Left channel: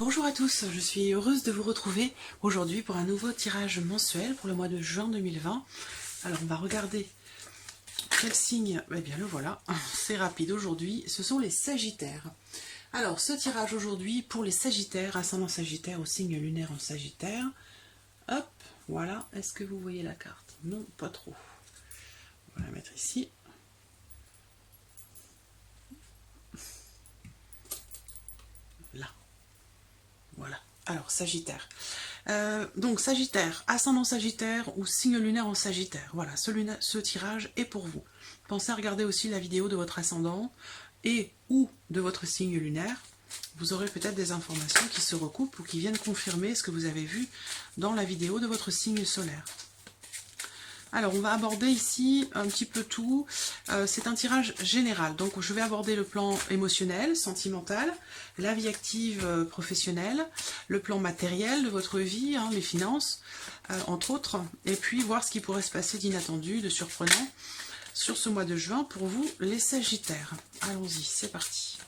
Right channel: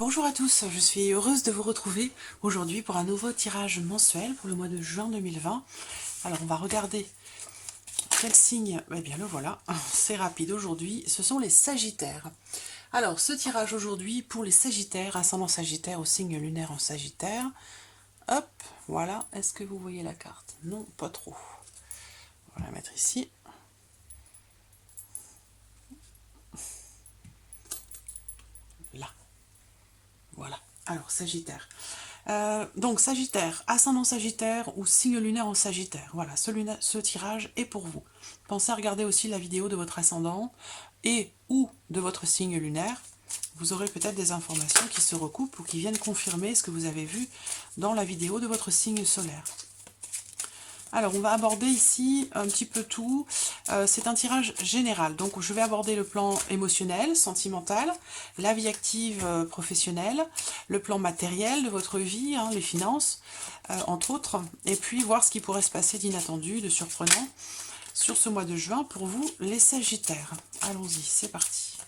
Bonjour à tous, je suis heureuse de vous retrouver aujourd'hui pour un nouveau tirage mensuel pour le mois de juin 2020. Alors on va regarder quel signe, eh bien le voilà, c'est rapide aujourd'hui, ce sont les Sagittaires. Alors ce tirage aujourd'hui pour les Sagittaires, ascendant Sagittaire au signe lunaire en Sagittaire. Hop, voilà, est-ce que vous voyez la carte? Non, pas trop. On va la mettre ici. Là, voilà. Alors Sagittaire. Donc Sagittaire, ascendant Sagittaire ou signe lunaire en Sagittaire. Voilà, ce tirage est pour vous. Pensez à regarder aussi la vidéo de votre ascendant et ou de votre signe lunaire. Vous aurez peut-être des informations qui se recoupent ou qui viennent confirmer ce que vous avez vu dans la vidéo de votre signe solaire. Alors, on va aborder ici un petit peu tout. C'est un tirage général. Donc, je vais aborder le plan émotionnel, sentimental, la vie active professionnelle, le plan matériel de votre vie, hein, les finances, entre autres. Et puis, voir ce qui pourrait se passer d'inattendu, de surprenant sur ce mois de juin pour vous, les Sagittaires. Allons-y, c'est parti.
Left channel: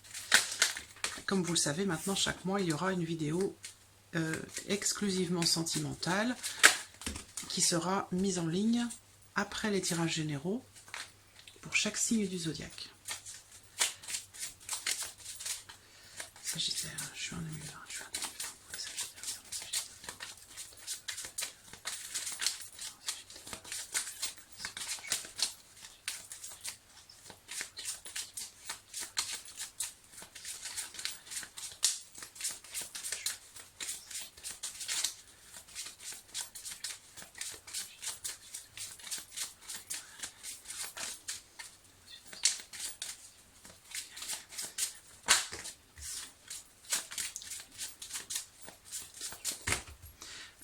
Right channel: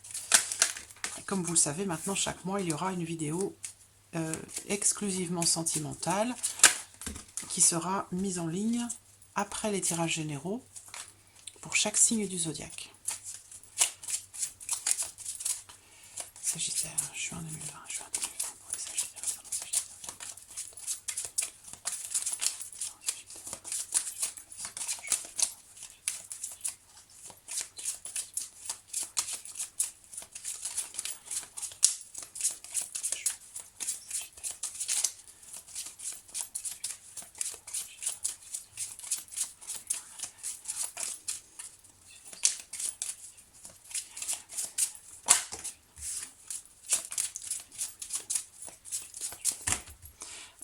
Comme vous le savez, maintenant, chaque mois, il y aura une vidéo exclusivement sentimentale qui sera mise en ligne après les tirages généraux pour chaque signe du zodiaque. Sagittaire, juin 2020, juin 2020 pour les Sagittaires.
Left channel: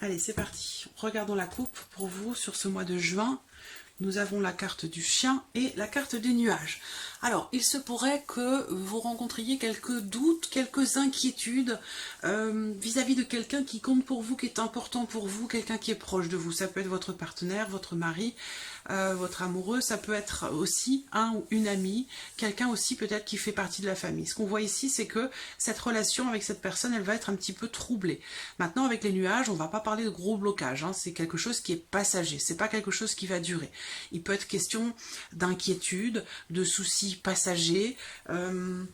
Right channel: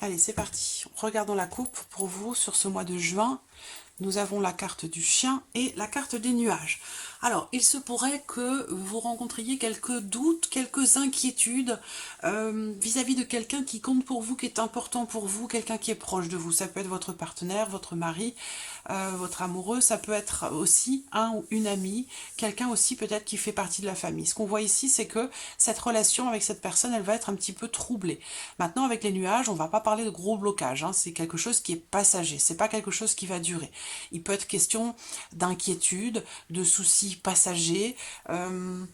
Allez, c'est parti. Regardons la coupe pour vous sur ce mois de juin. Nous avons la carte du chien et la carte des nuages. Alors, il se pourrait que vous rencontriez quelques doutes, quelques inquiétudes vis-à-vis de quelqu'un qui compte pour vous, qui est important pour vous, quelqu'un qui est proche de vous. Ça peut être votre partenaire, votre mari, votre amoureux. Ça peut être aussi un ou une amie, quelqu'un aussi peut-être qui fait partie de la famille. Ce qu'on voit ici, c'est que cette relation avec cette personne, elle va être un petit peu troublée. Maintenant, avec les nuages, on ne va pas parler de gros blocages. Hein. C'est quelque chose qui est passager. C'est pas quelque chose qui va durer. Il peut être question d'inquiétude, de soucis passagers, de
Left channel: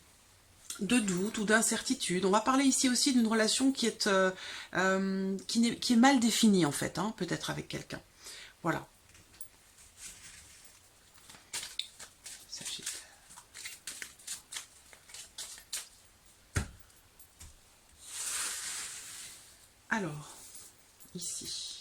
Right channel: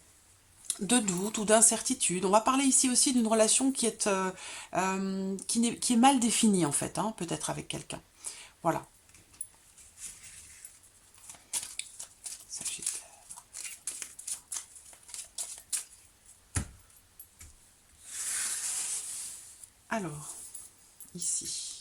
doutes ou d'incertitudes. On va parler ici aussi d'une relation qui est mal définie en fait, hein, peut-être avec quelqu'un. Voilà. Alors, ici.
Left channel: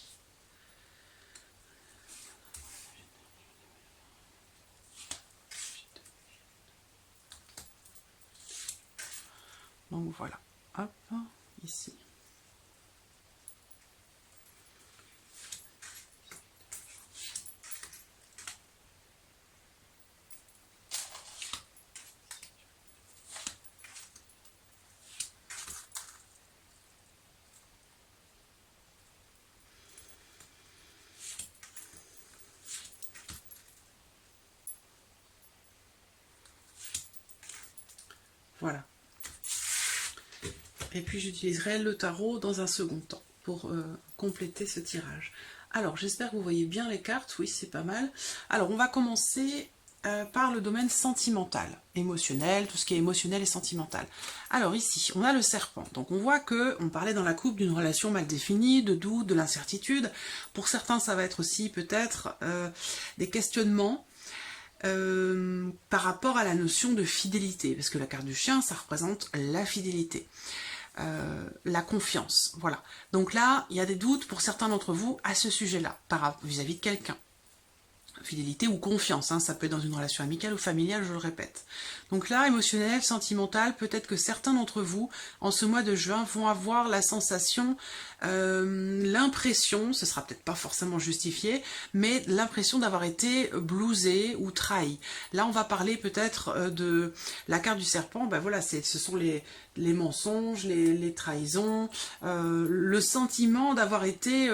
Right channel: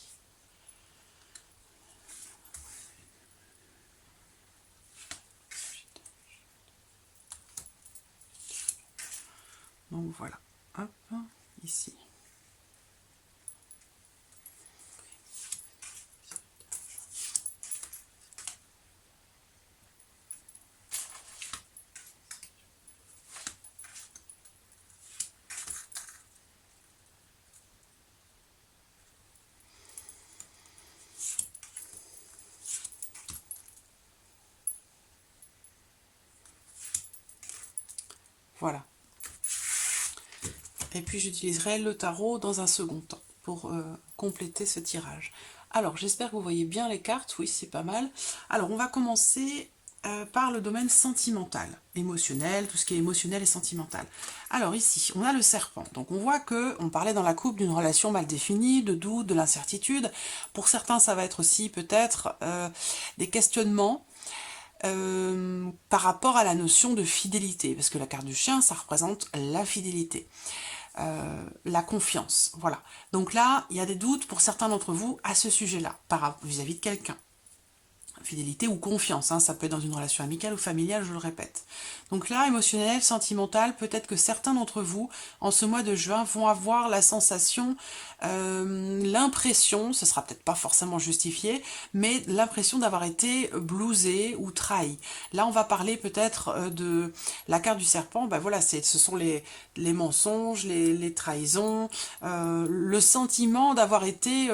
Donc voilà, hop, ici. Voilà. Et puis j'utiliserai le tarot dans un second temps pour compléter ce tirage. Alors j'espère que vous voyez bien les cartes, oui c'est pas mal. Alors on va commencer par le domaine sentimental, émotionnel, tout ce qui est émotionnel et sentimental. Alors ici, on a le serpent. Donc on voit que on parlait dans la coupe d'une relation mal définie, de doute, de l'incertitude. Pour certains, ça va être aussi peut-être des questionnements par rapport à la notion de fidélité, parce que la carte du chien, ça représente la fidélité. La confiance, voilà. Donc là, il y a des doutes pour certains d'entre vous à ce sujet-là, vis-à-vis de quelqu'un. Fidélité ou confiance, hein, ça peut être dans une relation amicale ou familiale, je le répète. Donc là, émotionnel, sentimental, peut-être que certains d'entre vous, en ce mois de juin, vont avoir la sensation, l'impression, ce sera peut-être pas forcément justifié, mais l'impression d'avoir été blousé ou trahi. Là, on va parler peut-être de la carte du serpent, ben voilà, ce sont les mensonges, les trahisons, le sentiment d'avoir été...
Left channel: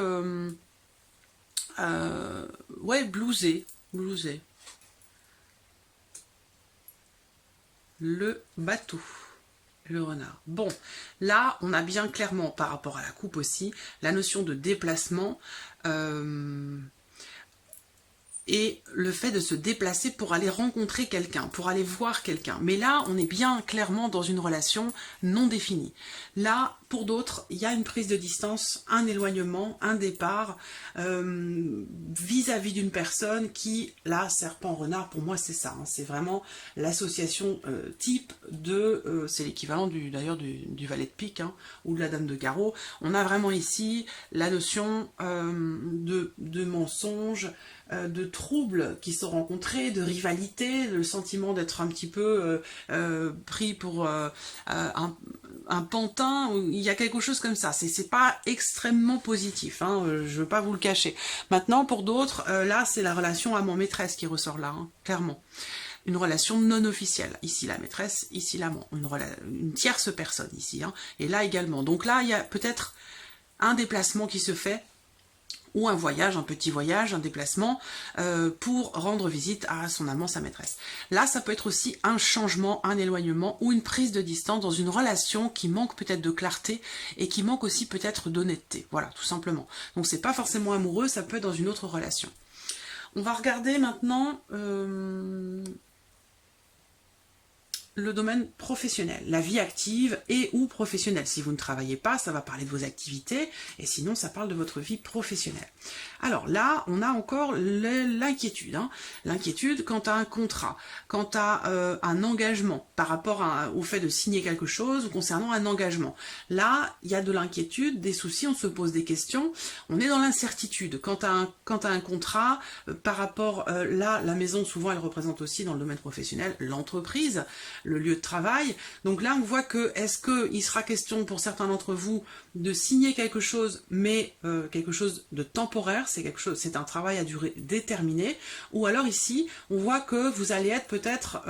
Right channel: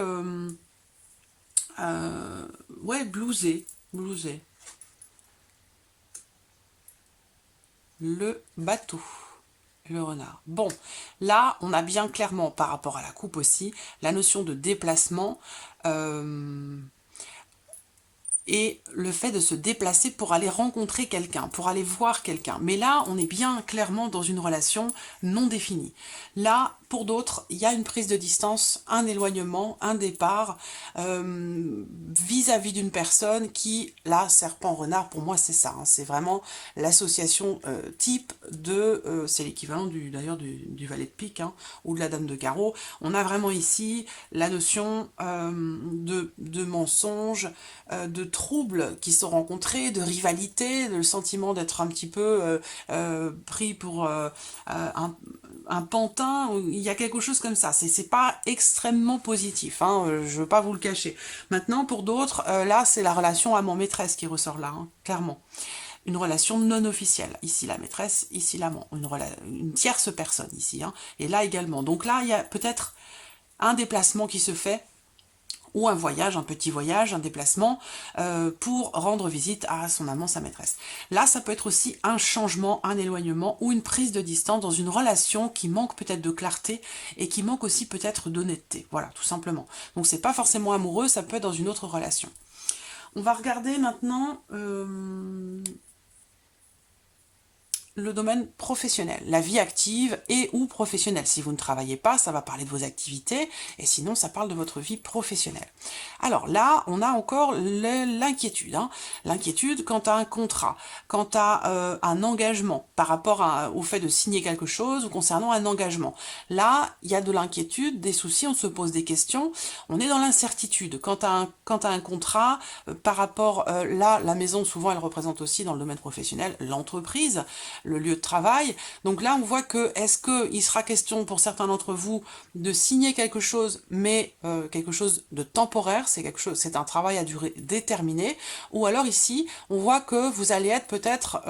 ouais, blousé. Le bateau. le renard. Bon, là, on a bien clairement, par rapport à la coupe aussi, la notion de déplacement et le fait de se déplacer pour aller rencontrer quelqu'un, pour aller voir quelqu'un. Mais là, on est bien clairement dans une relation non définie. Là, pour d'autres, il y a une prise de distance, un éloignement, un départ vis-à-vis d'une personne qui, là, serpent-renard, pour moi, c'est ça. Hein, c'est vraiment l'association type de... c'est l'équivalent d'ailleurs du valet de pique hein, ou de la dame de carreau. On a vraiment ici la notion de mensonge, de troubles qui sont rencontrés, de rivalité, le sentiment d'être un petit peu pris pour un pantin, il y a quelque chose comme ça. C'est pas extrêmement positif, hein, je veux pas vous le cacher. Maintenant, pour d'autres, là, c'est la relation amant-maîtresse qui ressort là, hein, clairement. Une relation non officielle. Ici la maîtresse, ici l'amant. Une tierce personne ici. Hein, et là également. Donc là, il y a peut-être un déplacement qui se fait ou un voyage, un petit voyage, un déplacement pour rendre visite à son amant, sa maîtresse. Là, ça peut être aussi un changement, un éloignement ou une prise de distance dans une relation qui manque peut-être de clarté et qui manque aussi peut-être d'honnêteté. Voilà, tout simplement. Donc c'est pas forcément amoureux, ça peut être dans une autre relation. On va regarder maintenant le domaine professionnel, la vie active et ou professionnelle. Si vous ne travaillez pas, ça va parler de vos activités, et sinon ça parle de votre vie professionnelle. Alors là, on a encore l'inquiétude. Hein. L'inquiétude quant à un contrat, quant à un engagement par rapport au fait de signer quelque chose ou concernant un engagement. Là, il y a de l'inquiétude, des soucis, on se pose des questions, on est dans l'incertitude. Quant à un contrat, par rapport, là, la maison, souvent, elle représente aussi dans le domaine professionnel l'entreprise, le lieu de travail. Donc là, on voit que, est-ce qu'il sera question pour certains d'entre vous de signer quelque chose, mais quelque chose de temporaire, c'est un travail à durée déterminée, ou alors ici, on voit que vous allez être peut-être...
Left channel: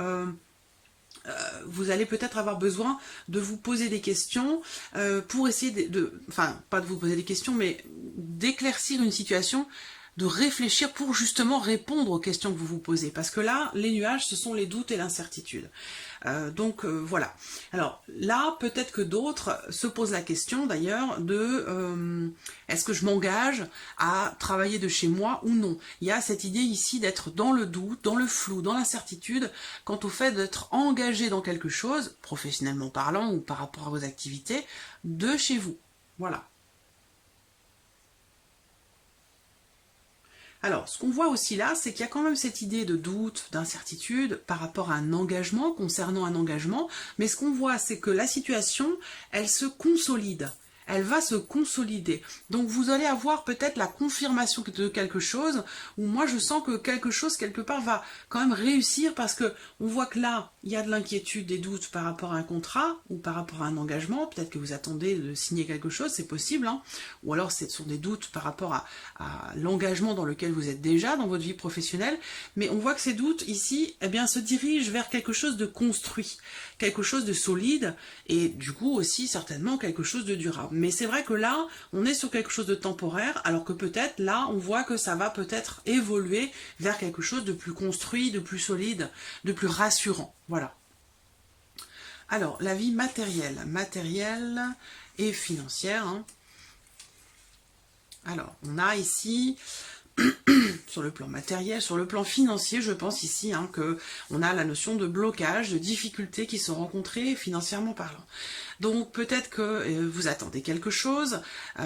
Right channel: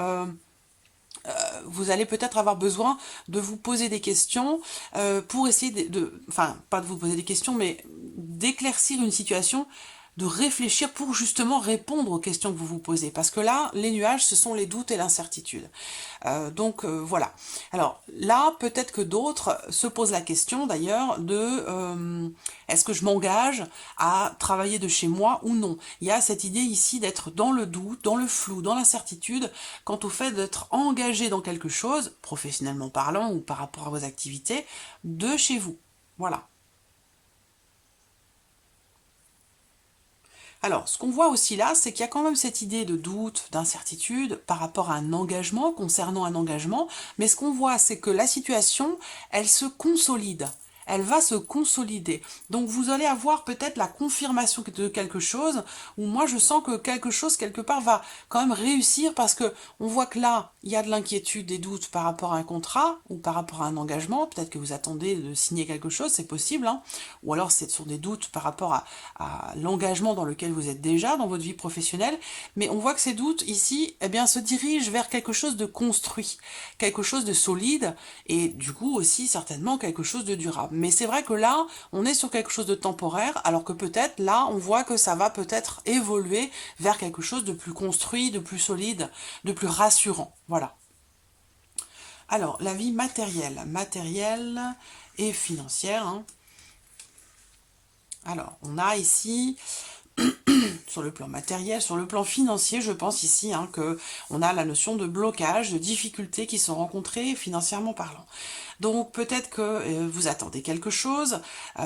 vous allez peut-être avoir besoin de vous poser des questions pour essayer enfin, pas de vous poser des questions, mais d'éclaircir une situation, de réfléchir pour justement répondre aux questions que vous vous posez. Parce que là, les nuages, ce sont les doutes et l'incertitude. Donc voilà. Alors là, peut-être que d'autres se posent la question d'ailleurs de est-ce que je m'engage à travailler de chez moi ou non. Il y a cette idée ici d'être dans le doute, dans le flou, dans l'incertitude, quant au fait d'être engagé dans quelque chose, professionnellement parlant ou par rapport à vos activités, de chez vous. Voilà. Alors, ce qu'on voit aussi là, c'est qu'il y a quand même cette idée de doute, d'incertitude par rapport à un engagement, concernant un engagement, mais ce qu'on voit, c'est que la situation, elle se consolide. Elle va se consolider. Donc vous allez avoir peut-être la confirmation de quelque chose, où moi je sens que quelque chose, quelque part, va quand même réussir, parce que on voit que là, il y a de l'inquiétude, des doutes par rapport à un contrat, ou par rapport à un engagement, peut-être que vous attendez de signer quelque chose, c'est possible, hein, ou alors ce sont des doutes par rapport à l'engagement dans lequel vous êtes déjà dans votre vie professionnelle, mais on voit que ces doutes ici, eh bien, se dirigent vers quelque chose de construit, quelque chose de solide, et du coup aussi certainement quelque chose de durable. Mais c'est vrai que là, on est sur quelque chose de temporaire, alors que peut-être là, on voit que ça va peut-être évoluer vers quelque chose de plus construit, de plus solide, de plus rassurant. Voilà. Alors, la vie matérielle et financière. Hein. Alors, on a ici... sur le plan matériel, sur le plan financier, je pense ici hein, qu'on a la notion de blocage, de difficultés qui sont rencontrées financièrement parlant. Donc peut-être que vous attendez quelque chose,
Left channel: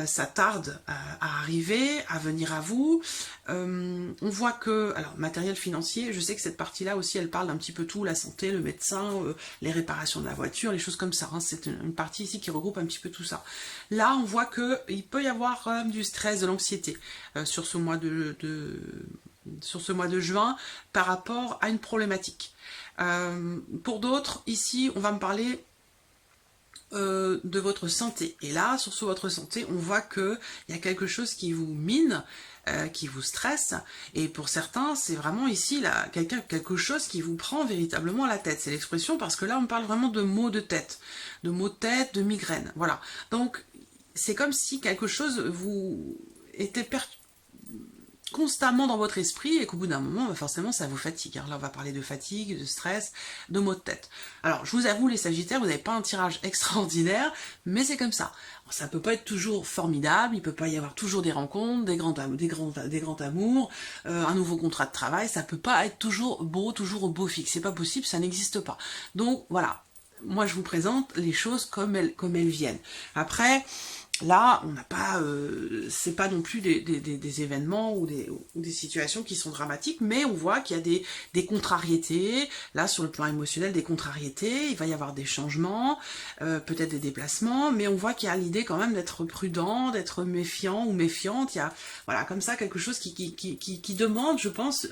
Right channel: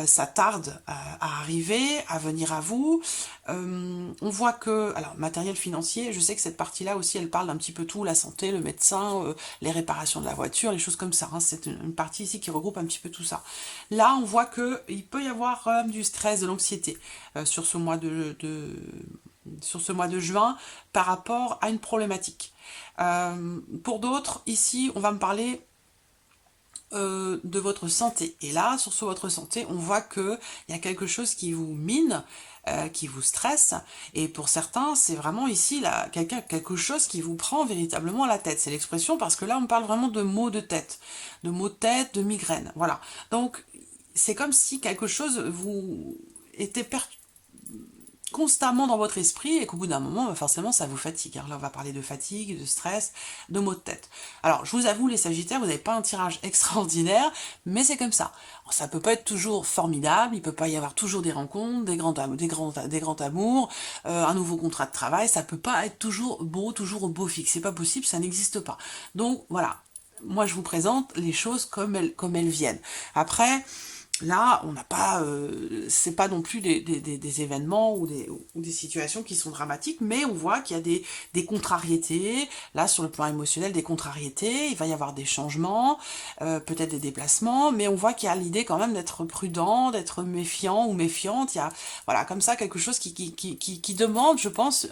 ça tarde à arriver, à venir à vous. On voit que, alors matériel financier, je sais que cette partie-là aussi, elle parle d'un petit peu tout, la santé, le médecin, les réparations de la voiture, les choses comme ça. Hein, c'est une partie ici qui regroupe un petit peu tout ça. Là, on voit qu'il peut y avoir du stress, de l'anxiété sur ce mois sur ce mois de juin par rapport à une problématique. Pour d'autres, ici, on va me parler de votre santé. Et là, sur votre santé, on voit qu'il y a quelque chose qui vous mine, qui vous stresse. Et pour certains, c'est vraiment ici là, quelque chose qui vous prend véritablement la tête. C'est l'expression parce que là, on parle vraiment de maux de tête, de migraine. Voilà. Donc, c'est comme si quelque chose vous était constamment dans votre esprit et qu'au bout d'un moment, bah, forcément, ça vous fatigue. Alors là, on va parler de fatigue, de stress, de maux de tête. Alors, je vous avoue, les Sagittaires, vous n'avez pas un tirage extraordinaire, mais c'est comme ça. Alors, ça peut pas être toujours formidable, il peut pas y avoir toujours des rencontres, des grands amours, un nouveau contrat de travail, ça peut pas être toujours toujours au beau fixe. C'est pas possible, ça n'existe pas. Donc, voilà. Moi, je vous présente les choses comme elles viennent. Après, là, on n'a pas, c'est pas non plus des événements ou des situations qui sont dramatiques, mais on voit qu'il y a des contrariétés, là sur le plan émotionnel, des contrariétés, il va y avoir des changements, peut-être des déplacements, mais on voit qu'il y a l'idée quand même d'être prudent, d'être méfiant ou méfiante, il y a, voilà, comme ça, quelque chose qui demande, je pense,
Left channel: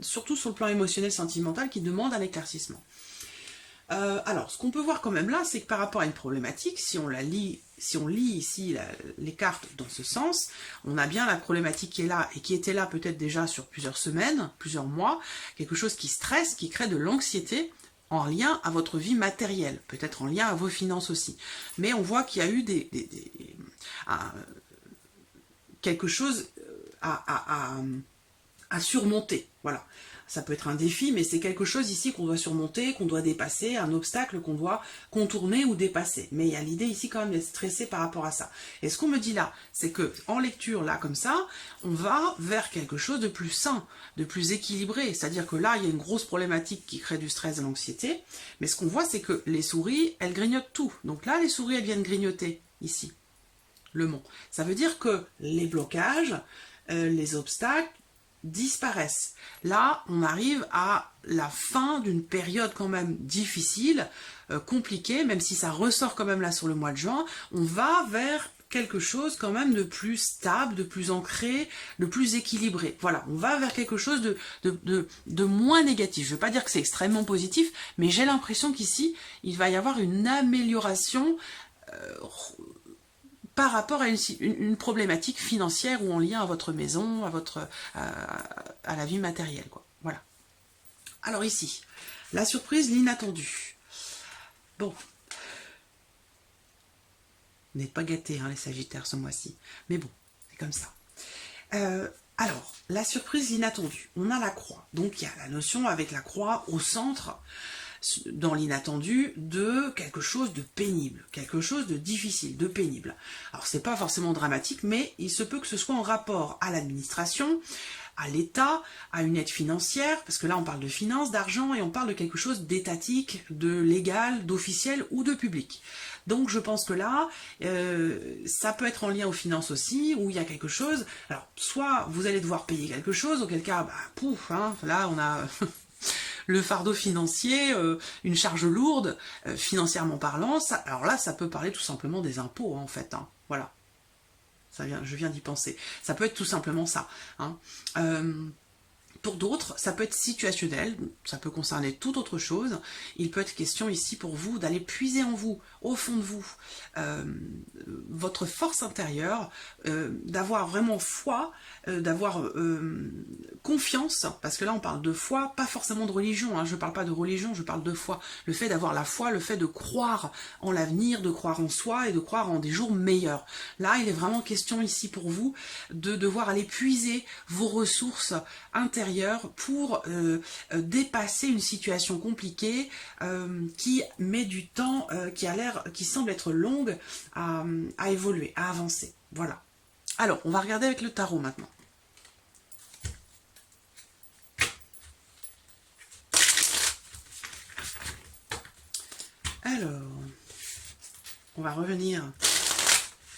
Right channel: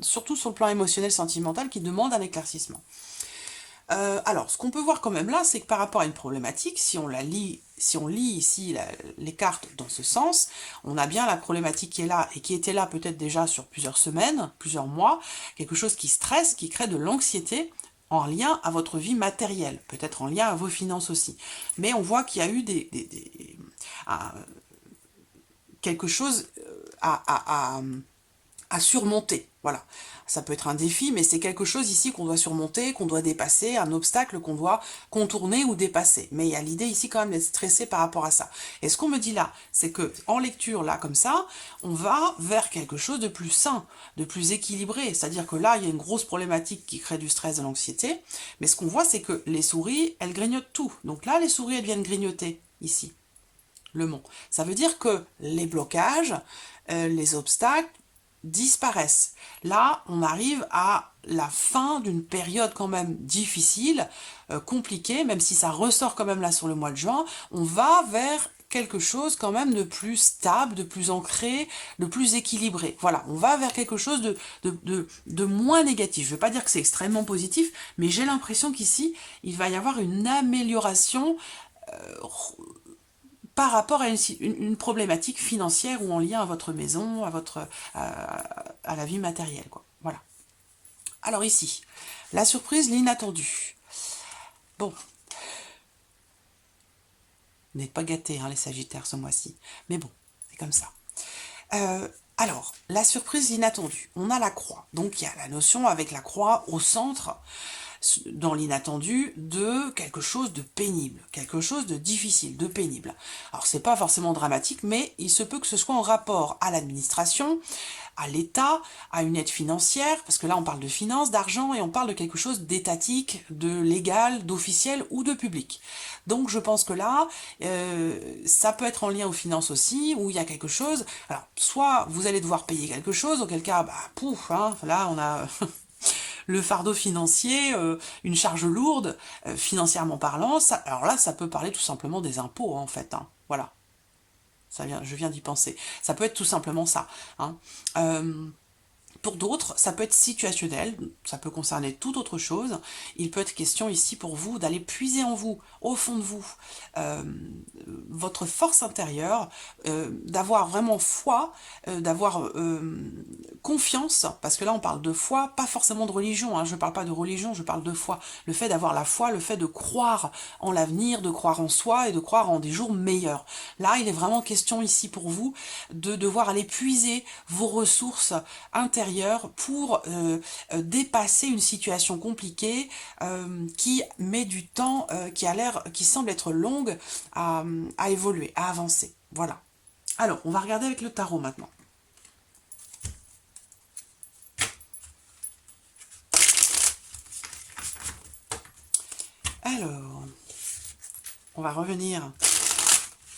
surtout sur le plan émotionnel, sentimental, qui demande un éclaircissement. Alors, ce qu'on peut voir quand même là, c'est que par rapport à une problématique, si on lit ici les cartes dans ce sens, on a bien la problématique qui est là et qui était là peut-être déjà sur plusieurs semaines, plusieurs mois, quelque chose qui stresse, qui crée de l'anxiété en lien à votre vie matérielle, peut-être en lien à vos finances aussi. Mais on voit qu'il y a eu quelque chose à surmonter, voilà. Ça peut être un défi, mais c'est quelque chose ici qu'on doit surmonter, qu'on doit dépasser, un obstacle qu'on doit contourner ou dépasser. Mais il y a l'idée ici quand même d'être stressé par rapport à ça. Et ce qu'on me dit là, c'est que en lecture, là, comme ça, on va vers quelque chose de plus sain, de plus équilibré. C'est-à-dire que là, il y a une grosse problématique qui crée du stress, de l'anxiété. Mais ce qu'on voit, c'est que les souris, elles grignotent tout. Donc là, les souris, elles viennent grignoter, ici, le mont. Ça veut dire que les blocages, les obstacles, disparaissent. Là, on arrive à la fin d'une période quand même difficile, compliquée, même si ça ressort quand même là sur le mois de juin, on va vers quelque chose quand même de plus stable, de plus ancré, de plus équilibré. Voilà, on va vers quelque chose de moins négatif. Je ne veux pas dire que c'est extrêmement positif, mais j'ai l'impression qu'ici, il va y avoir une amélioration par rapport à une problématique financière ou en lien à votre maison, à la vie matérielle, quoi. Voilà. Alors ici, la surprise, l'inattendu. Bon, vous n'êtes pas gâtés, hein, les Sagittaires, ce mois-ci. Mais bon, c'est comme ça. Alors, la surprise, l'inattendu. On a la croix. Donc, il y a la notion avec la croix au centre, dans l'inattendu, de quelque chose de pénible, quelque chose de difficile, de pénible. Alors, c'est pas forcément dramatique, mais il se peut que ce soit en rapport à l'administration, à l'État, à une aide financière, parce que là, on parle de finances, d'argent, et on parle de quelque chose d'étatique, de légal, d'officiel ou de public. Donc je pense que là, ça peut être en lien aux finances aussi, où il y a quelque chose. Alors, soit vous allez devoir payer quelque chose, auquel cas, bah, pouf, hein, là on a le fardeau financier, une charge lourde, financièrement parlant. Ça, alors là, ça peut parler tout simplement des impôts, hein, en fait. Hein, voilà. Je viens d'y penser. Ça peut être tout simplement ça. Hein. Pour d'autres, ça peut être situationnel, ça peut concerner toute autre chose. Il peut être question ici pour vous d'aller puiser en vous, au fond de vous, votre force intérieure, d'avoir vraiment foi, d'avoir confiance, parce que là on parle de foi, pas forcément de religion, hein, je ne parle pas de religion, je parle de foi. Le fait d'avoir la foi, le fait de croire en l'avenir, de croire en soi et de croire en des jours meilleurs. Là, il est vraiment question ici pour vous de devoir aller puiser vos ressources intérieures pour dépasser une situation compliquée qui met du temps, qui semble être longue à évoluer, à avancer. Voilà. Alors, on va regarder avec le tarot maintenant. Alors, on va revenir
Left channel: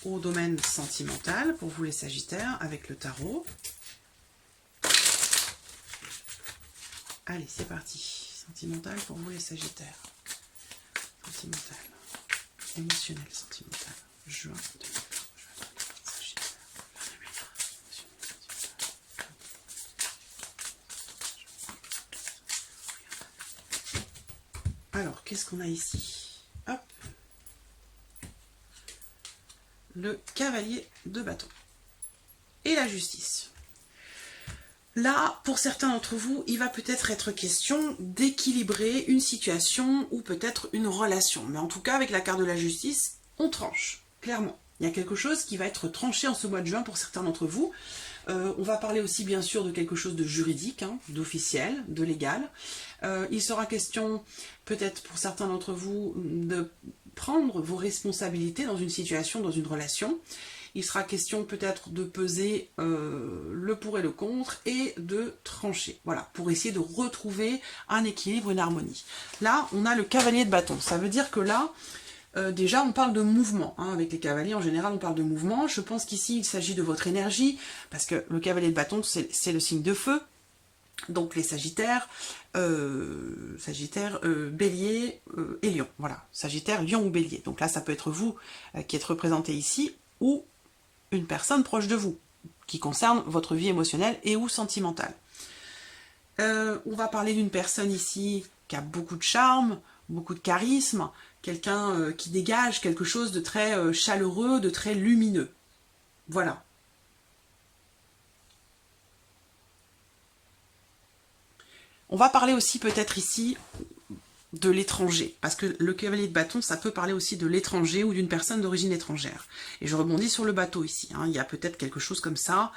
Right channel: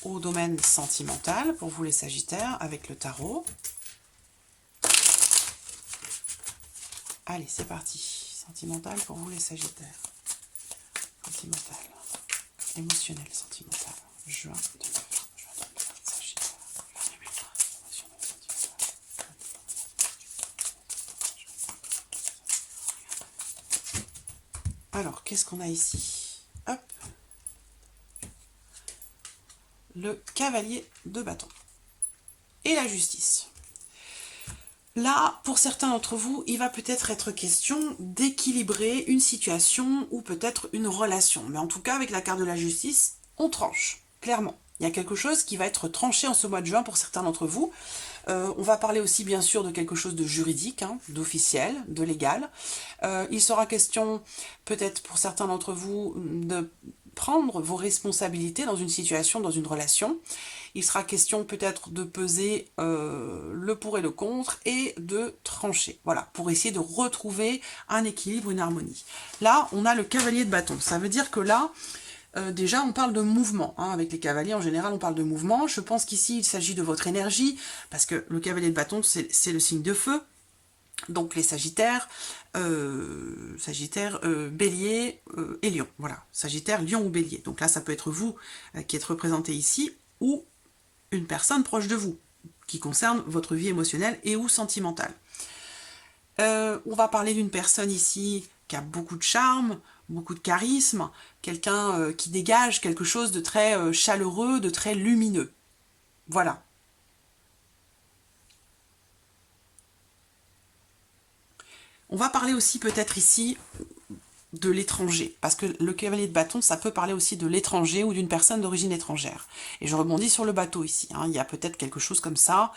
au domaine sentimental pour vous les Sagittaires avec le tarot. Allez, c'est parti. Sentimental pour vous les Sagittaires. Sentimental. Émotionnel, sentimental. Juin 2020. Sagittaire. Alors, qu'est-ce qu'on a ici? Hop. Le cavalier de bâton. Et la justice. Là, pour certains d'entre vous, il va peut-être être question d'équilibrer une situation ou peut-être une relation. Mais en tout cas, avec la carte de la justice, on tranche, clairement. Il y a quelque chose qui va être tranché en ce mois de juin pour certains d'entre vous. On va parler aussi bien sûr de quelque chose de juridique, hein, d'officiel, de légal. Il sera question, peut-être pour certains d'entre vous, de prendre vos responsabilités dans une situation, dans une relation. Il sera question peut-être de peser le pour et le contre et de trancher, voilà, pour essayer de retrouver un équilibre, une harmonie. Là, on a le cavalier de bâton. Ça veut dire que là, déjà, on parle de mouvement. Hein. Avec les cavaliers, en général, on parle de mouvement. Je pense qu'ici, il s'agit de votre énergie, parce que le cavalier de bâton, c'est le signe de feu. Donc les Sagittaires, Bélier et Lion. Voilà, Sagittaire, Lion ou Bélier. Donc là, ça peut être vous qui êtes représenté ici, ou une personne proche de vous, qui concerne votre vie émotionnelle et ou sentimentale. On va parler d'une personne ici qui a beaucoup de charme, beaucoup de charisme, quelqu'un qui dégage quelque chose de très chaleureux, de très lumineux. Voilà. On va parler aussi peut-être ici de l'étranger, parce que le cavalier de bâton, ça peut parler aussi de l'étranger ou d'une personne d'origine étrangère. Et je rebondis sur le bateau ici, hein. Il y a peut-être quelque chose comme ça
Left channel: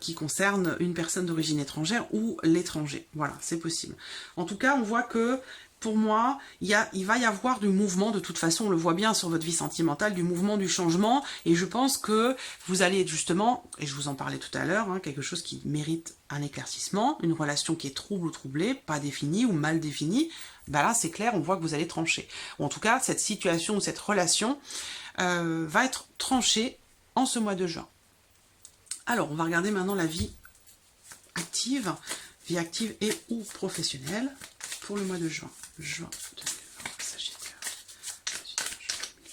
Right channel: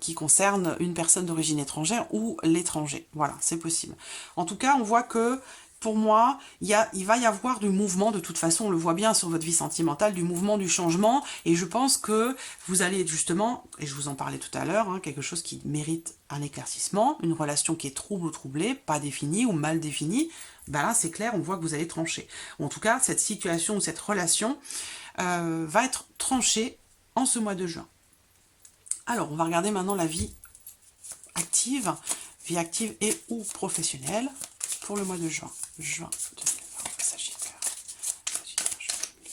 qui concerne une personne d'origine étrangère ou l'étranger. Voilà, c'est possible. En tout cas, on voit que pour moi, il va y avoir du mouvement, de toute façon, on le voit bien sur votre vie sentimentale, du mouvement, du changement, et je pense que vous allez justement, et je vous en parlais tout à l'heure, hein, quelque chose qui mérite un éclaircissement, une relation qui est trouble ou troublée, pas définie ou mal définie, ben là c'est clair, on voit que vous allez trancher. Ou en tout cas, cette situation ou cette relation va être tranchée en ce mois de juin. Alors, on va regarder maintenant la vie active et ou professionnelle pour le mois de juin. Juin 2020, Sagittaire. Juin 2020.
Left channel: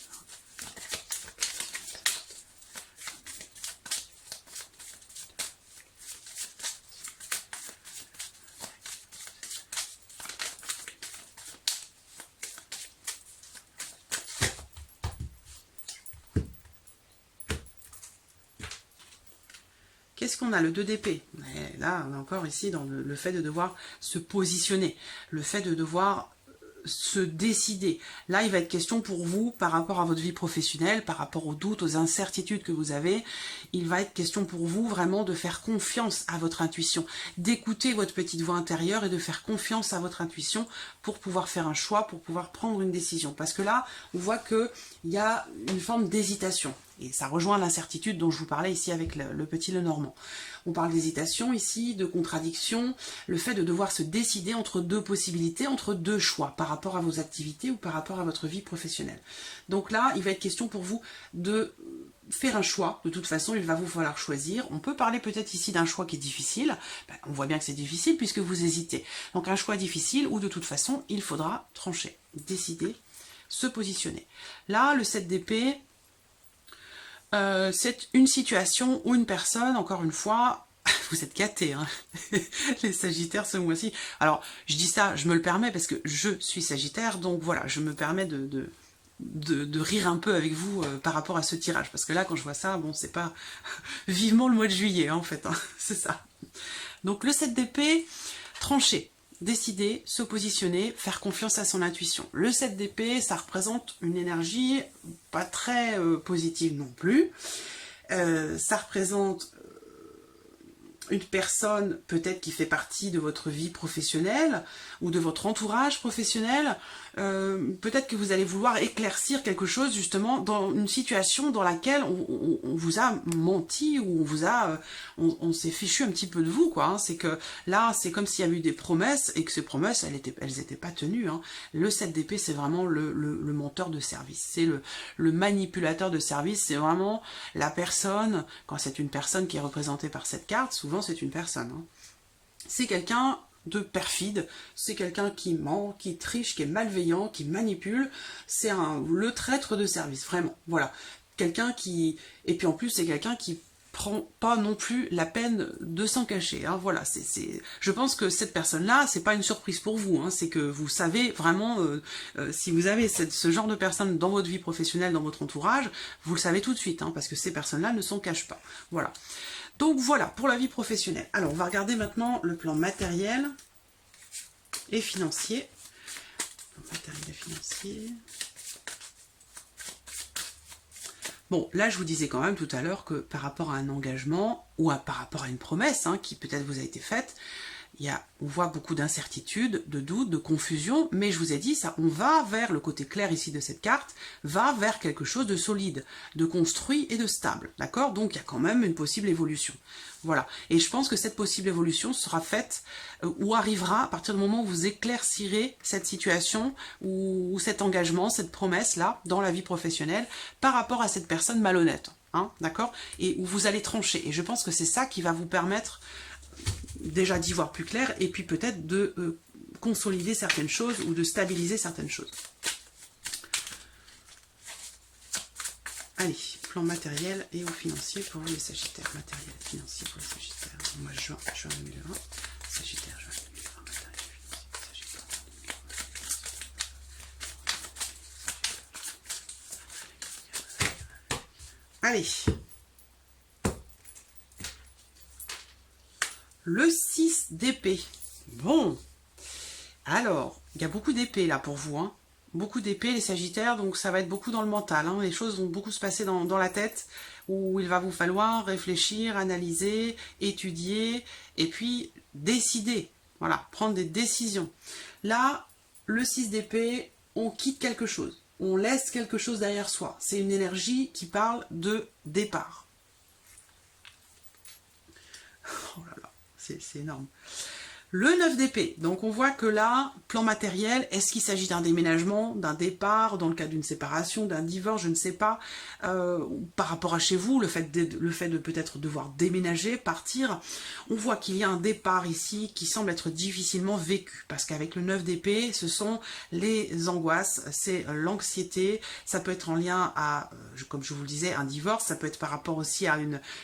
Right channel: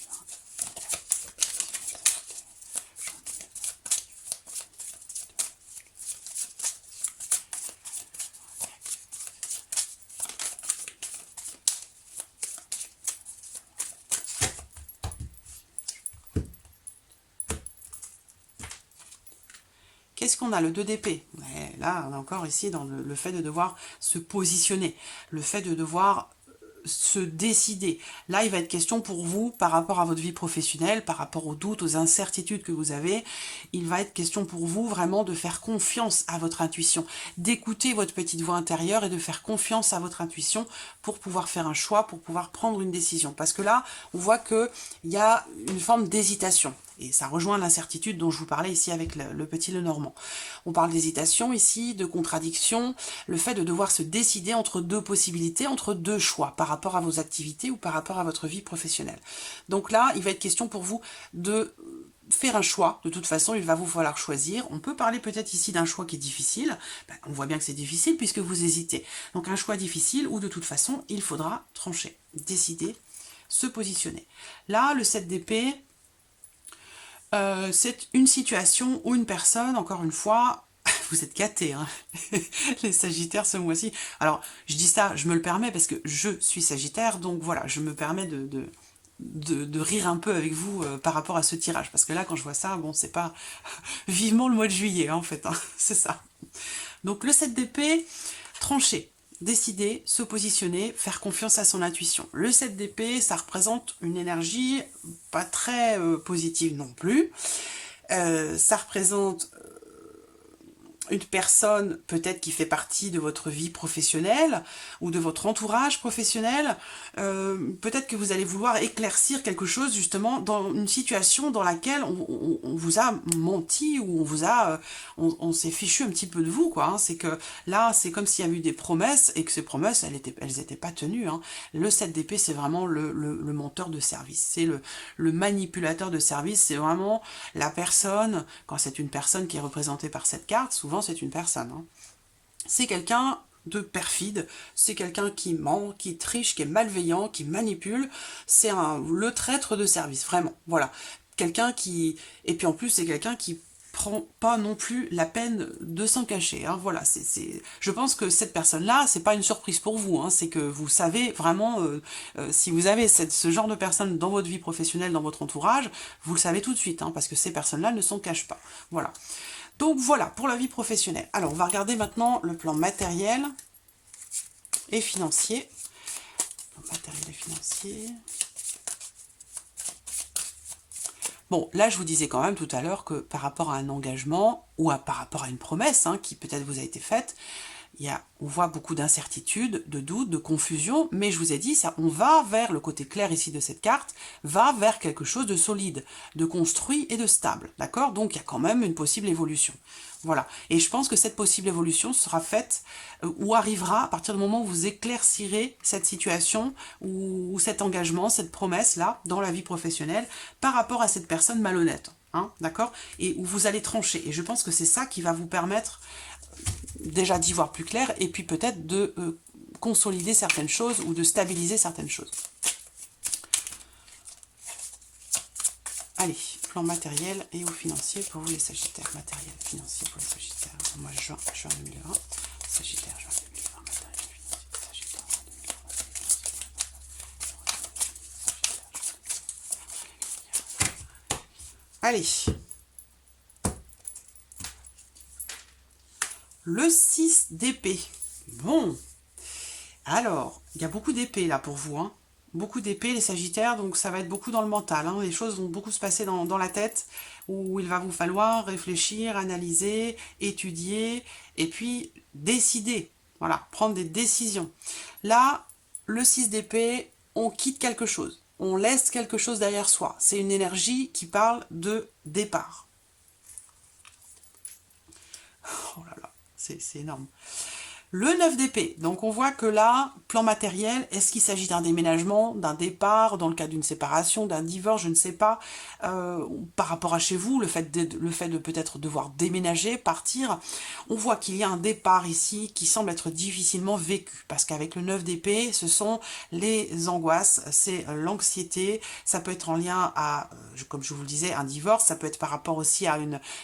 Qu'est-ce qu'on a? Le 2 d'épée. Là, on est encore ici dans le fait de devoir se positionner, le fait de devoir se décider. Là, il va être question pour vous, par rapport à votre vie professionnelle, par rapport aux doutes, aux incertitudes que vous avez, il va être question pour vous vraiment de faire confiance à votre intuition, d'écouter votre petite voix intérieure et de faire confiance à votre intuition pour pouvoir faire un choix, pour pouvoir prendre une décision. Parce que là, on voit qu'il y a une forme d'hésitation. Et ça rejoint l'incertitude dont je vous parlais ici avec le petit Lenormand. On parle d'hésitation ici, de contradiction, le fait de devoir se décider entre deux possibilités, entre deux choix, par rapport à vos activités ou par rapport à votre vie professionnelle. Donc là, il va être question pour vous de faire un choix. De toute façon, il va vous falloir choisir. On peut parler peut-être ici d'un choix qui est difficile. On voit bien que c'est difficile puisque vous hésitez. Donc un choix difficile où de toute façon, il faudra trancher, décider, se positionner. Là, le 7 d'épée, c'est une situation où une personne, encore une fois, vous êtes gâtés, hein, les Sagittaires ce mois-ci. Alors, je dis ça, je me le permets parce que je suis Sagittaire, donc voilà, je me permets de rire un peu avec vous par rapport à ce tirage. Parce que là, quand je vois ça, bon, c'est pas vivement le mois de juillet, hein, en fait, hein, c'est ça. Donc, le 7 d'épée, tranché. Décider, se positionner, faire confiance à son intuition. Le 7 d'épée, ça représente une énergie pas très positive non plus. Ça représente une personne peut-être qui fait partie de votre vie professionnelle ou de votre entourage professionnel, peut-être que vous allez vouloir éclaircir quelque chose justement dans une situation dans laquelle on vous a menti ou on vous a on s'est fichu un petit peu de vous, quoi, hein. C'est que là c'est comme s'il y avait eu des promesses et que ces promesses elles étaient pas tenues, hein. Le 7 d'épée c'est vraiment le menteur de service, c'est le manipulateur de service, c'est vraiment la personne, quand c'est une personne qui est représentée par cette carte, souvent c'est une personne, hein. C'est quelqu'un de perfide, c'est quelqu'un qui ment, qui triche, qui est malveillant, qui manipule, c'est le traître de service, vraiment, voilà. Quelqu'un qui... Et puis en plus, c'est quelqu'un qui prend pas non plus la peine de s'en cacher, hein. Voilà, je pense que cette personne-là, c'est pas une surprise pour vous, hein. C'est que vous savez vraiment, si vous avez ce genre de personne dans votre vie professionnelle, dans votre entourage, vous le savez tout de suite, hein, parce que ces personnes-là ne s'en cachent pas, voilà. Donc voilà, pour la vie professionnelle. Alors, on va regarder maintenant le plan matériel et financier. Matériel et financier. Bon, là, je vous disais quand même tout à l'heure que par rapport à un engagement ou par rapport à une promesse qui peut-être vous a été faite, on voit beaucoup d'incertitudes, de doutes, de confusion, mais je vous ai dit, ça, on va vers, le côté clair ici de cette carte, va vers quelque chose de solide, de construit et de stable, d'accord? Donc il y a quand même une possible évolution. Voilà, et je pense que cette possible évolution sera faite ou arrivera à partir du moment où vous éclaircirez cette situation ou cet engagement, cette promesse-là, dans la vie professionnelle, par rapport à cette personne malhonnête, d'accord? Et où vous allez trancher, et je pense que c'est ça qui va vous permettre déjà d'y voir plus clair, et puis peut-être de consolider certaines choses ou de stabiliser certaines choses. Allez, plan matériel et ou financier pour vous les Sagittaires. Matériel, financier pour les Sagittaires. Moi, juin 2020. Sagittaire, juin 2020. Matériel, financier, Sagittaire, juin 2020. Allez. Le 6 d'épée. Bon. Alors, il y a beaucoup d'épées là pour vous. Beaucoup d'épées, les Sagittaires, donc ça va être beaucoup dans le mental. Les choses vont beaucoup se passer dans la tête, où il va vous falloir réfléchir, analyser, étudier, et puis décider. Voilà, prendre des décisions. Là, le 6 d'épée, on quitte quelque chose. On laisse quelque chose derrière soi. C'est une énergie qui parle de départ. Oh là là. C'est énorme. Le 9 d'épée, donc on voit que là, plan matériel, est-ce qu'il s'agit d'un déménagement, d'un départ, dans le cas d'une séparation, d'un divorce, je ne sais pas, par rapport à chez vous, le fait de peut-être devoir déménager, partir, on voit qu'il y a un départ ici qui semble être difficilement vécu, parce qu'avec le 9 d'épée, ce sont les angoisses, c'est l'anxiété, ça peut être en lien à, comme je vous le disais, un divorce, ça peut être par rapport aussi à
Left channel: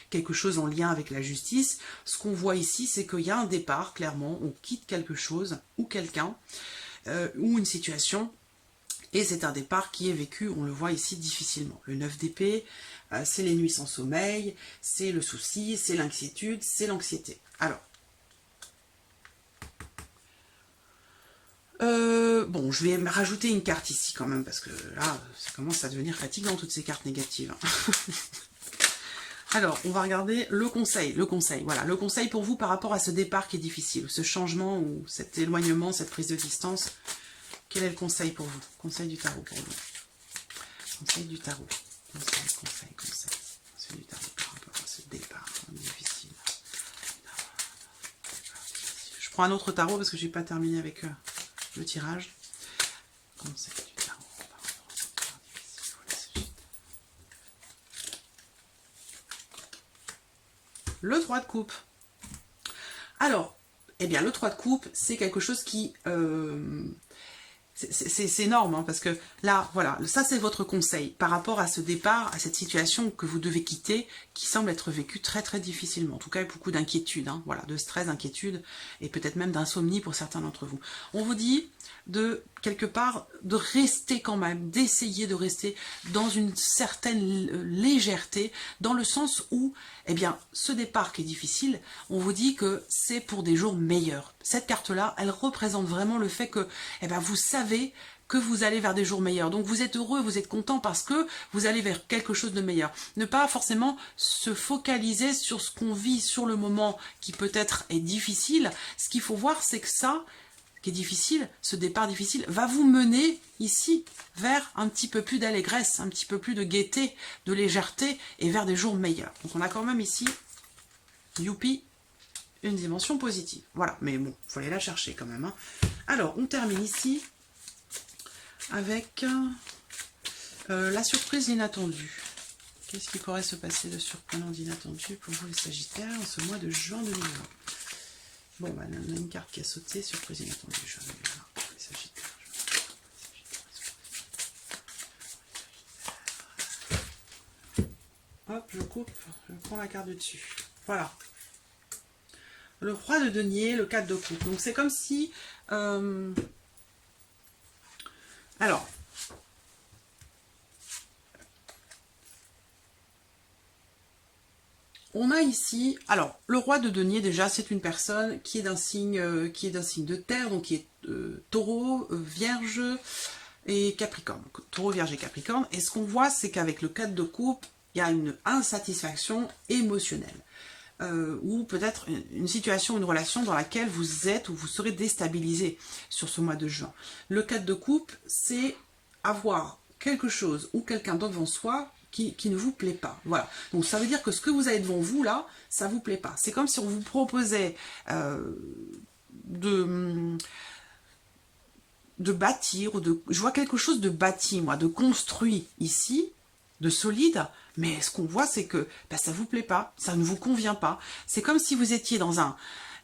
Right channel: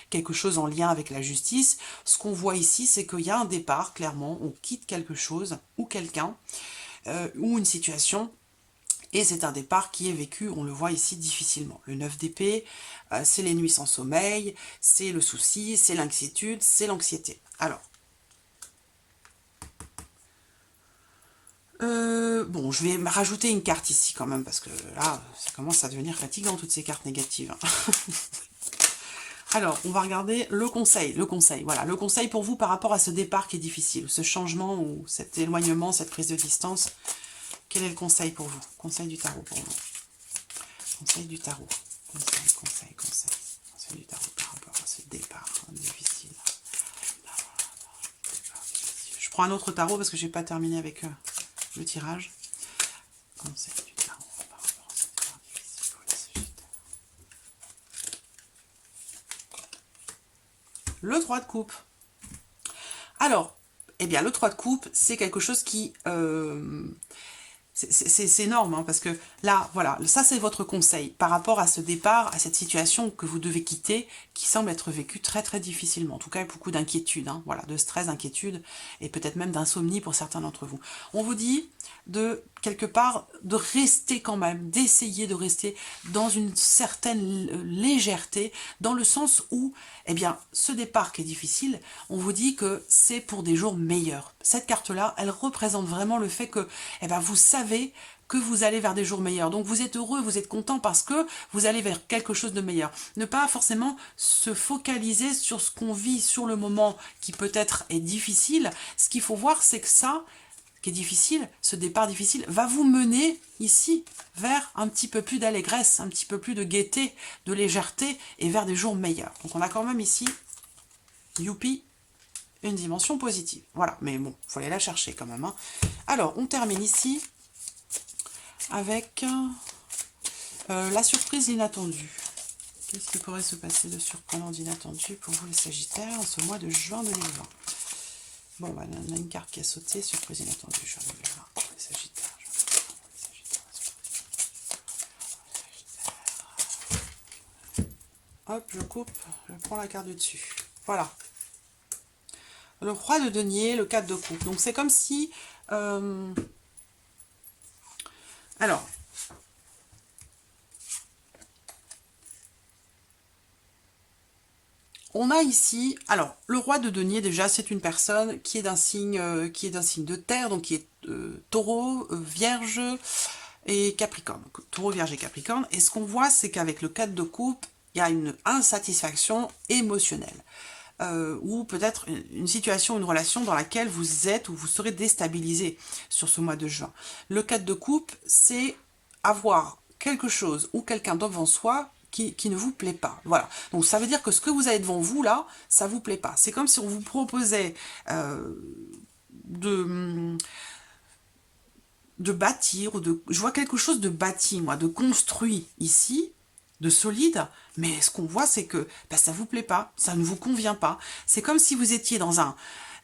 quelque chose en lien avec la justice. Ce qu'on voit ici, c'est qu'il y a un départ, clairement, on quitte quelque chose ou quelqu'un ou une situation et c'est un départ qui est vécu, on le voit ici, difficilement. Le 9 d'épée, c'est les nuits sans sommeil, c'est le souci, c'est l'inquiétude, c'est l'anxiété. Alors, bon, je vais me rajouter une carte ici quand même, parce que là, ça commence à devenir fatigant, toutes ces cartes négatives. Alors, on va regarder le conseil. Voilà, le conseil pour vous par rapport à ce départ qui est difficile, ce changement ou cet éloignement, cette prise de distance. Quel est le conseil pour vous? Conseil du tarot pour vous. Conseil du tarot. Conseil du tarot par rapport à ce départ difficile. Je prends un autre tarot parce que je n'ai pas terminé avec le tirage. Conseil du tarot par rapport à ce départ difficile pour les Sagittaires. Le 3 de coupe. Alors, eh bien, le 3 de coupe, c'est quelque chose qui... c'est énorme, parce que là, voilà, ça c'est votre conseil par rapport à ce départ, à cette situation que vous devez quitter, qui semble être vécue très très difficilement. En tout cas, beaucoup d'inquiétude, voilà, de stress, d'inquiétude, et peut-être même d'insomnie pour certains d'entre vous. On vous dit de, quelque part, de rester quand même, d'essayer de rester dans une certaine légèreté, dans le sens où, eh bien, ce départ qui est difficile, on vous dit que c'est pour des jours meilleurs. Cette carte-là, elle représente vraiment le fait que, eh bien, vous savez que vous allez vers des jours meilleurs. Donc vous êtes heureux, vous êtes content parce que vous allez vers quelque chose de meilleur. Ne pas forcément se focaliser sur ce qu'on vit sur le moment qui peut-être est difficile. Ce qu'il faut voir, c'est que ça, qui est difficile, ce départ difficile, va vous mener ici vers un petit peu plus d'allégresse, un petit peu plus de gaieté, de légèreté et vers des jours meilleurs. Donc on a quand même ici, youpi, une dimension positive. Voilà, mais bon, il faut aller la chercher quand même. Alors, on termine ici avec la surprise, l'inattendue. Qu'est-ce qui pourrait se passer de surprenant, d'inattendu pour vous les Sagittaires en ce mois de juin 2020? Bon, bah, on a une carte qui a sauté, surprise inattendue, juin 2020 pour les Sagittaires. Hop, je coupe, je prends la carte du dessus. Voilà. Le roi de denier, le 4 de coupe. Donc c'est comme si... Alors... On a ici, alors, le roi de denier, déjà, c'est une personne qui est d'un signe de terre, donc qui est taureau, vierge et capricorne. Donc, taureau, vierge et capricorne. Et ce qu'on voit, c'est qu'avec le 4 de coupe, il y a une insatisfaction émotionnelle. Ou peut-être une situation, une relation dans laquelle vous êtes ou vous serez déstabilisé sur ce mois de juin. Le 4 de coupe, c'est avoir quelque chose ou quelqu'un devant soi qui ne vous plaît pas. Voilà. Donc ça veut dire que ce que vous avez devant vous, là, ça vous plaît pas. C'est comme si on vous proposait de bâtir, ou je vois quelque chose de bâti, moi, de construit ici, de solide, mais ce qu'on voit, c'est que ça vous plaît pas, ça ne vous convient pas. C'est comme si vous étiez dans un...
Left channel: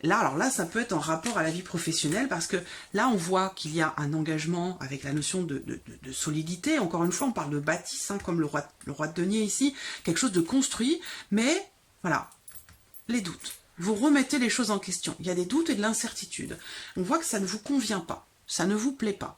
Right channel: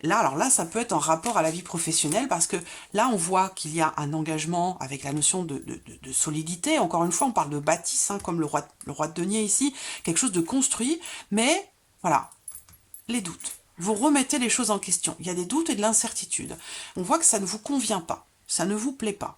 Là, alors là, ça peut être en rapport à la vie professionnelle, parce que là, on voit qu'il y a un engagement avec la notion de solidité. Encore une fois, on parle de bâtisse, hein, comme le roi de denier ici, quelque chose de construit, mais voilà, les doutes. Vous remettez les choses en question. Il y a des doutes et de l'incertitude. On voit que ça ne vous convient pas, ça ne vous plaît pas.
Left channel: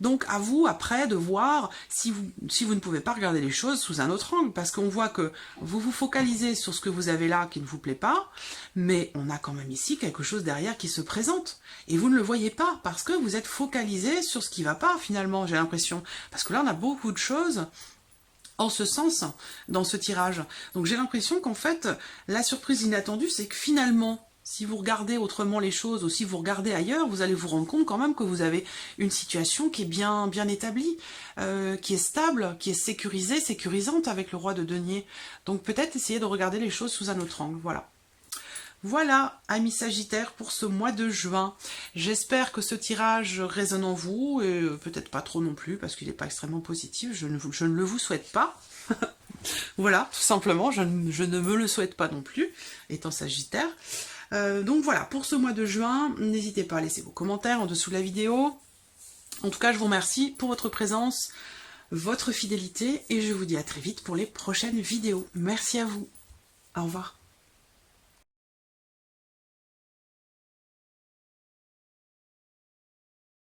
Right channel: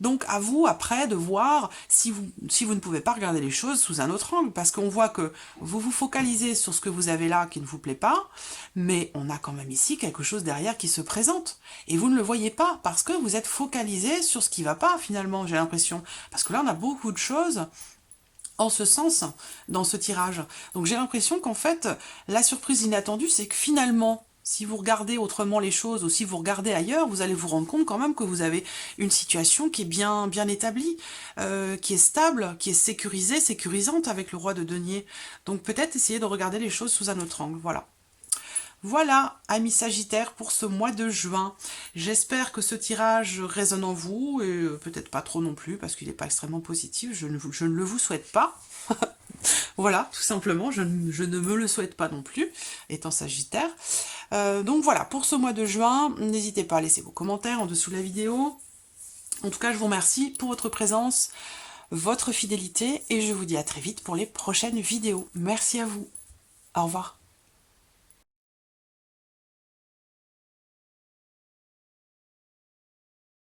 Donc à vous après de voir si vous ne pouvez pas regarder les choses sous un autre angle, parce qu'on voit que vous vous focalisez sur ce que vous avez là qui ne vous plaît pas, mais on a quand même ici quelque chose derrière qui se présente. Et vous ne le voyez pas, parce que vous êtes focalisé sur ce qui ne va pas finalement, j'ai l'impression. Parce que là on a beaucoup de choses en ce sens dans ce tirage. Donc j'ai l'impression qu'en fait, la surprise inattendue, c'est que finalement, si vous regardez autrement les choses ou si vous regardez ailleurs, vous allez vous rendre compte quand même que vous avez une situation qui est bien établie, qui est stable, qui est sécurisée, sécurisante avec le roi de denier. Donc peut-être essayer de regarder les choses sous un autre angle, voilà. Voilà, amis Sagittaires, pour ce mois de juin. J'espère que ce tirage résonne en vous, et peut-être pas trop non plus, parce qu'il n'est pas extrêmement positif, je ne le vous souhaite pas. Voilà, tout simplement, je ne me le souhaite pas non plus, étant Sagittaire. Donc voilà, pour ce mois de juin, n'hésitez pas à laisser vos commentaires en dessous de la vidéo. En tout cas, je vous remercie pour votre présence, votre fidélité, et je vous dis à très vite pour les prochaines vidéos. Merci à vous. Au revoir.